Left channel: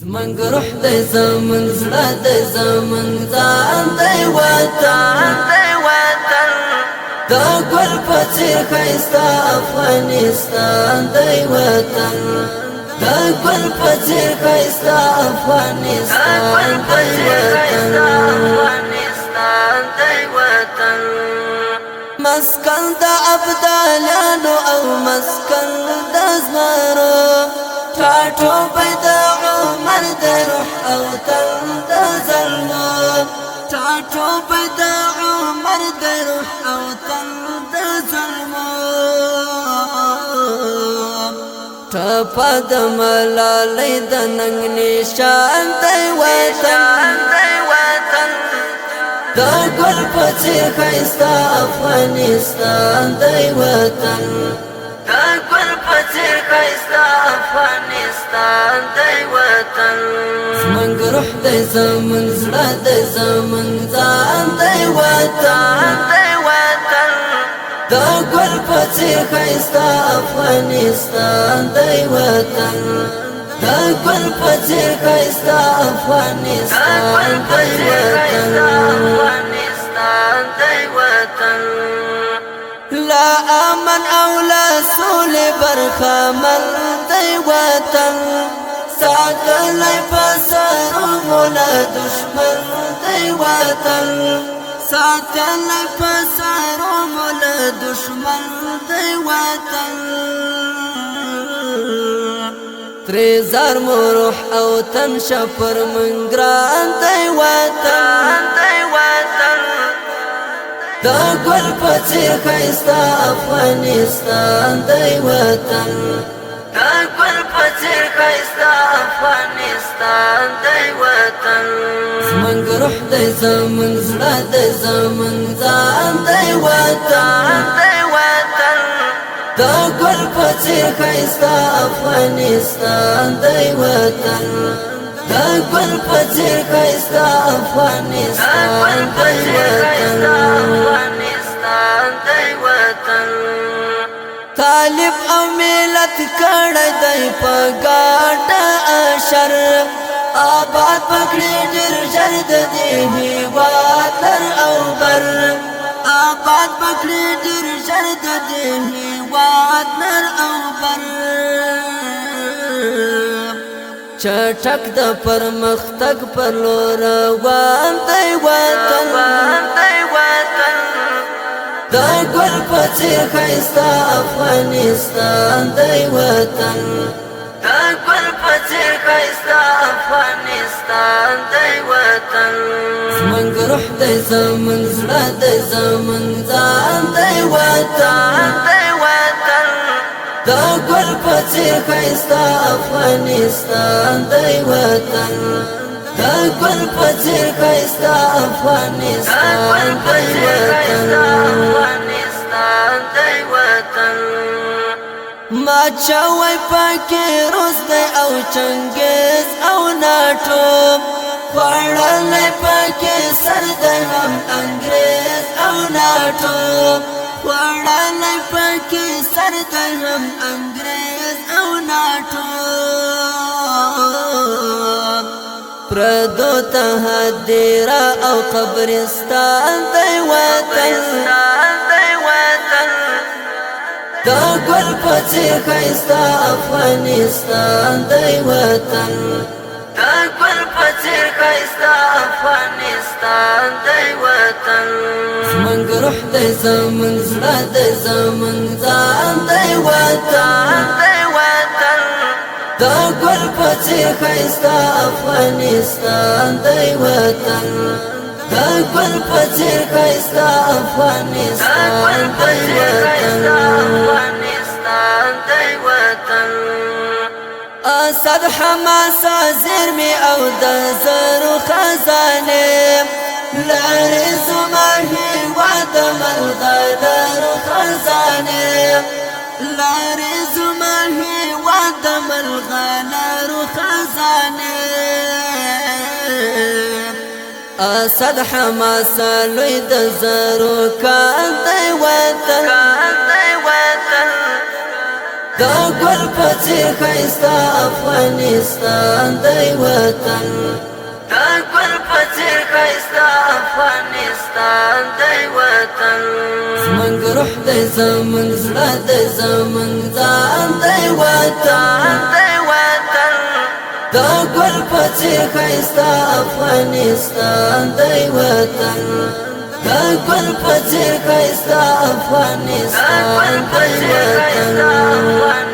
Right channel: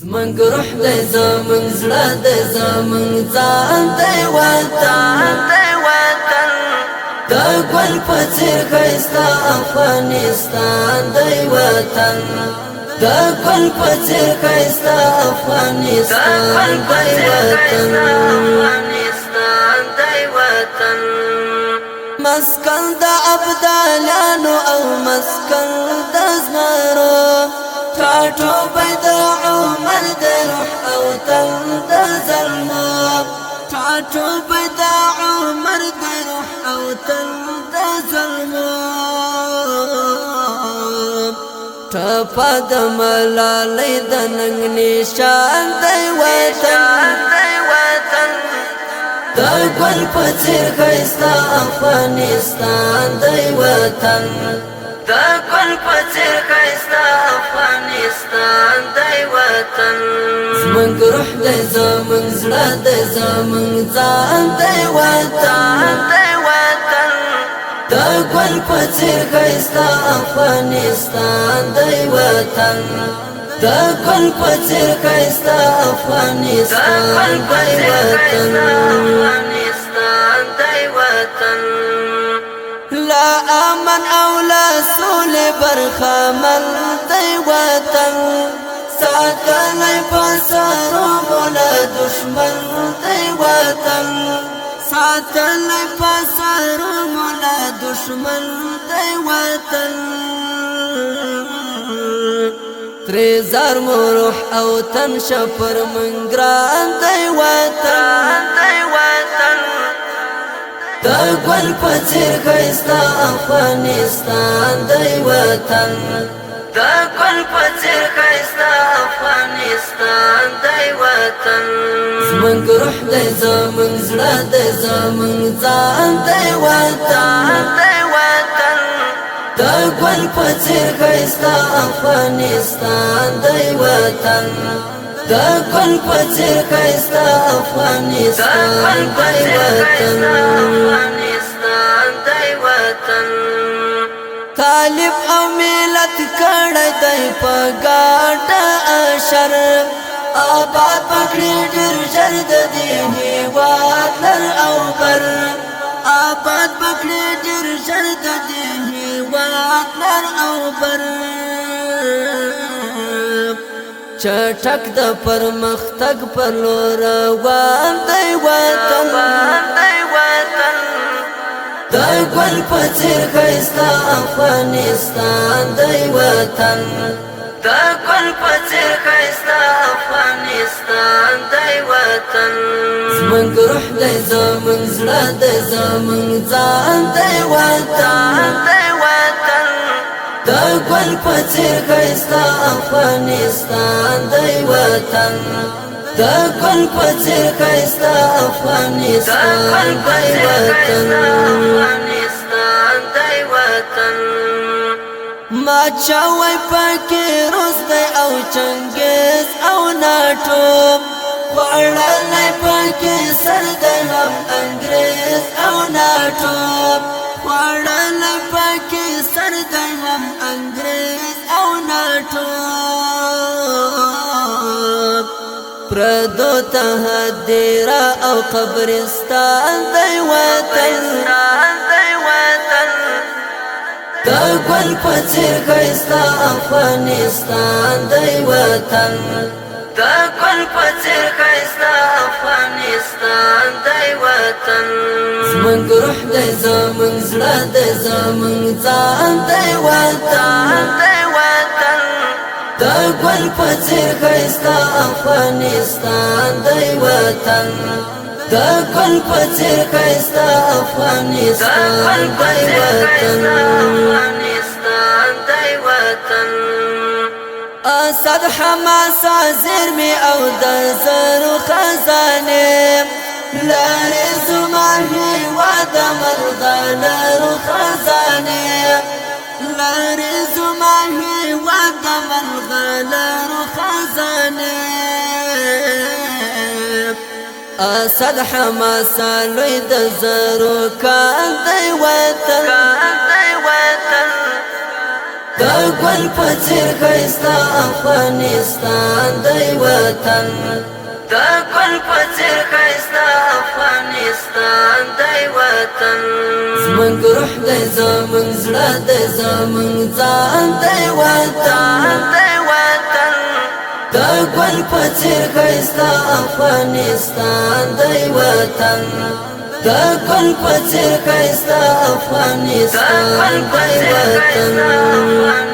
زمنګ روح دی زمنګ زړه دی زمنګ ځان دی وطن د ګل په څېر ښایسته افغانستان دی وطن د ګل په څېر ښایسته افغانستان دی وطن مسکن د ابدالانو او مسکن د زمرو ټاټو بيد عمر د روح او تن د ظلمو ټاټو بيد عمر د روح او تن د ظلمو ټپه د ملالۍ د ننګ نشان دی وطن د ګل په څېر ښایسته افغانستان دی وطن د ګل په څېر ښایسته افغانستان دی وطن زمنګ روح دی زمنګ زړه دی زمنګ ځان دی وطن د ګل په څېر ښایسته افغانستان دی وطن د ګل په څېر ښایسته افغانستان دی وطن لا امن او لا سول برخمل دی وطن ساتلی پسرو مولا دشمن دی وطن ساتلی پسرو مولا دشمن دی وطن تریزار مو روح او تن شپر منگران دی وطن د ګل په څېر ښایسته افغانستان دی وطن د ګل په څېر ښایسته افغانستان دی وطن زمنګ روح دی زمنګ زړه دی زمنګ ځان دی وطن د ګل په څېر ښایسته افغانستان دی وطن د ګل په څېر ښایسته افغانستان دی وطن طالب او ملت کړی دی په ګاټه اشر آباد پکړي ډېر ژر د دې هېواد لر او بر آباد پکړي ډېر ژر د دې هېواد لر او بر چټک د پرمختګ پر لور روان دی وطن د ګل په څېر ښایسته افغانستان دی وطن د ګل په څېر ښایسته افغانستان دی وطن زمنګ روح دی زمنګ زړه دی زمنګ ځان دی وطن د ګل په څېر ښایسته افغانستان دی وطن د ګل په څېر ښایسته افغانستان دی وطن ما چاوی پکې روس دی او چنګیز او ناټو خوړلی پکې سر دی هم انګریز او ناټو خوړلی پکې سر دی هم انګریز او ناټو پردو ته هدیره او قبرستان دی وطن د ګل په څېر ښایسته افغانستان دی وطن د ګل په څېر ښایسته افغانستان دی وطن زمنګ روح دی زمنګ زړه دی زمنګ ځان دی وطن د ګل په څېر ښایسته افغانستان دی وطن د ګل په څېر ښایسته افغانستان دی وطن اسد حماسه زیرمې او د زرو خزانې لارې زما هېواد د مرغلرو خزانې لارې زما هېواد د مرغلرو خزانې اسد حماسه لوی د زرو کان دی وطن دا ګل په څېر ښایسته افغانستان دی وطن دا ګل په څېر ښایسته افغانستان دی وطن زمونږ روح دی زمونږ زړه دی زمونږ ځان دی وطن دا ګل په څېر ښایسته افغانستان دی وطن دا ګل په څېر ښایسته افغانستان دی وطن